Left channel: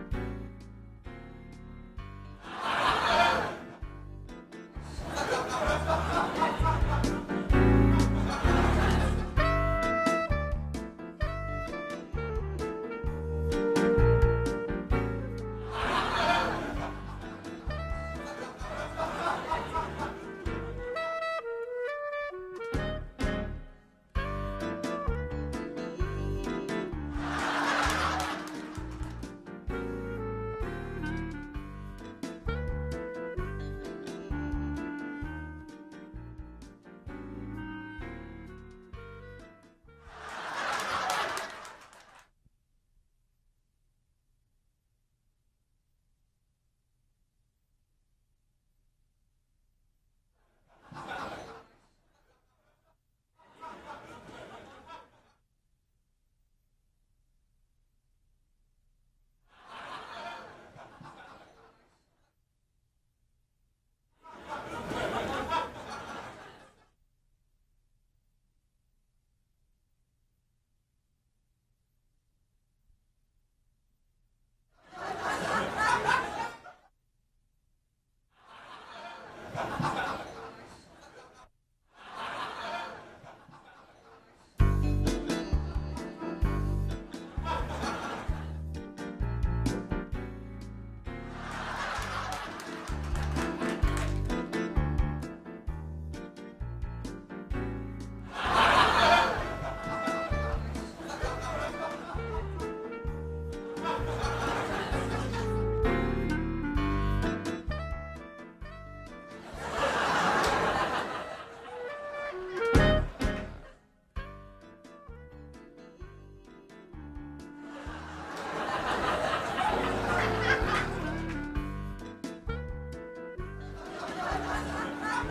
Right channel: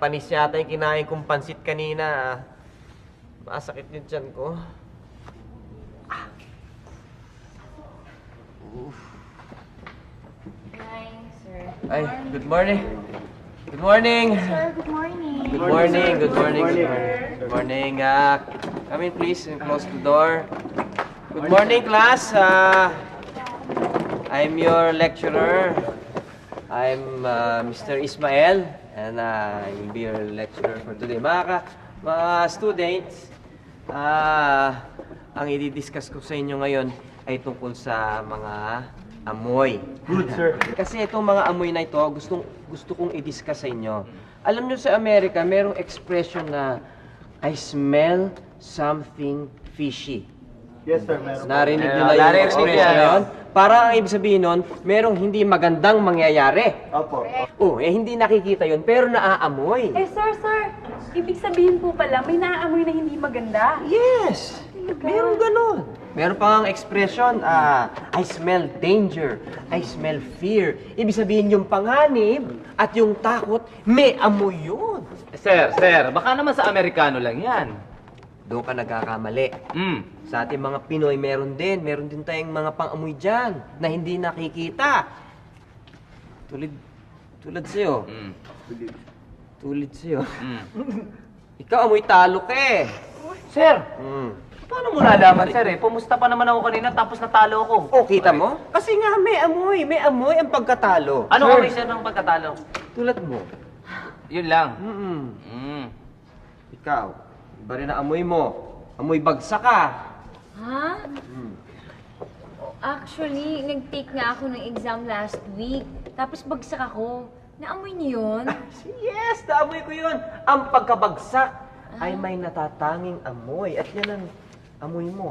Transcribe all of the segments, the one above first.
panis yata yung kinain kong pansit kanina. Sakit yung tiyan ko. Ay, good morning. Good morning. Sir, good morning. Good morning. Good morning. Good morning. Good morning. Come in, please. Close the door. Good morning, class. I'm your lecturer. I'm Mr. Ismael, and I will be your lecturer for today. Mga students, ang i-discuss ko sa inyo ngayon ay tungkol sa mga amoy. Good, sir. Kasi itong mga amoy na ito, gusto kong i-discuss sa inyo. Alam nyo sa Amerika, merong expression na I smell something fishy. Yes, sir. Meron. Narinig nyo na yung expression na yun? Para ang ibig sabihin nun, merong hindi magandang mangyayari. Opo. Hindi nakikita yun, pero naaamoy. Sir, ibig sabihin po pala, may naaamoy na hindi maganda. Yes! Meron ganun. Meron pang expression, I smell danger, I smell fear. Ibig sabihin yung panganib at yung takot, may amoy yun. Sir, baka naman sa Amerikano lang yan. Doon ka nagkakamali. Sa ating mga Pinoy, meron din tayong mga pang-amoy dyan na hindi nakikita. Tulad sa'yo. Tulad sa'yo. Ikaw, amoy talo ka eh. Sir, paano mo nalaman, sir eh? Pumusta pa naman ako kanina tapos natalo ko. Oh, kita mo? Kasi nga may amoy ang pagkatalo. Ano kami siya ng pagkatalo? Tulad mo. Yun lang. Ikaw, ba rin na amoy mo? Amoy bagsak ka. Ha? Actually, nag-take nga ako ng exam last week. Tapos bagsak ako. Naamoy niyo yun? Yes, amoy ko yun. Ang pagkabagsak ay may natatanging amoy. At yan ang amoy mo.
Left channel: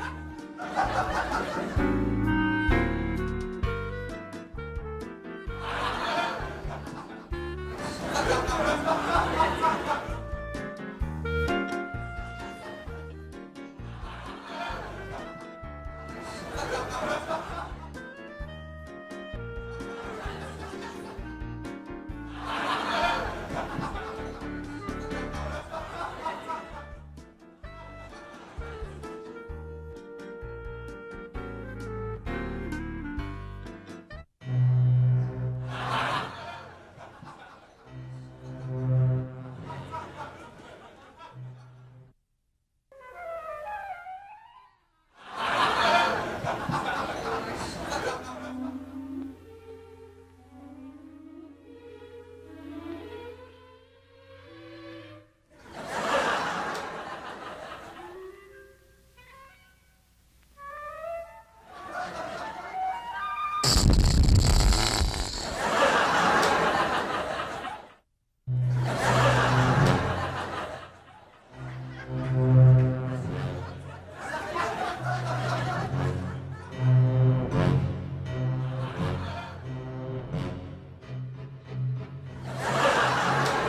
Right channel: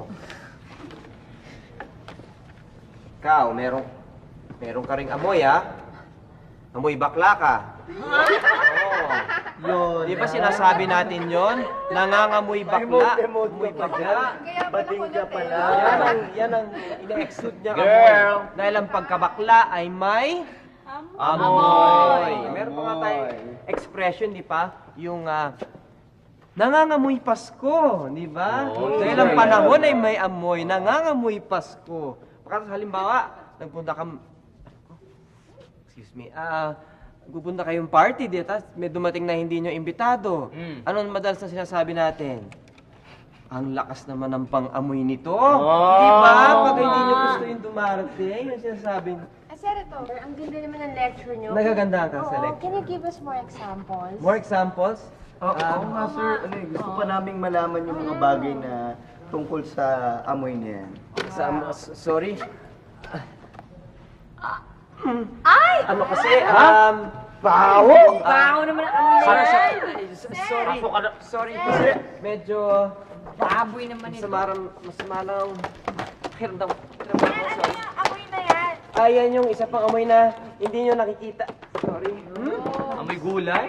Ikaw, meron ka ring amoy, ha? Amoy bakla ka. Yun, di ba sinasabi natin yon? Nangangamoy bakla. Amoy bakla. Patingga pala. Yan ang exit niya. Girl! Dahil ang pagkabakla ay may amoy. Meron pa tayong expression, di ba? Yung nangangamoy Pasko, di ba? Dahil ang panahon ay may amoy, nangangamoy Pasko. Halimbawa, pupunta kayong party, di ba? May dumating na hindi nyo imbitado. Anong madalas na sinasabi natin? Ang lakas naman ng pang-amoy nito. Di ba? Pag hindi nyo dumating, yung sinasabi nyo. Senator, ang ganda naman ng lecture niyo. Nagaganda ka sa Oo, lecture. can you give us more examples? More examples? Oo nga po. Gusto pa namin malaman yung mga bagay na tungkol sa amoy niya. Sorry. Ay! Ano kasi, Baho! Baho naman ang sorry kasi medyo baboy naman yung sumalaw. Hirdam. amoy na yan. Ayan yung isa pang amoy na hindi nyo nakikita. Sorry. May gulay.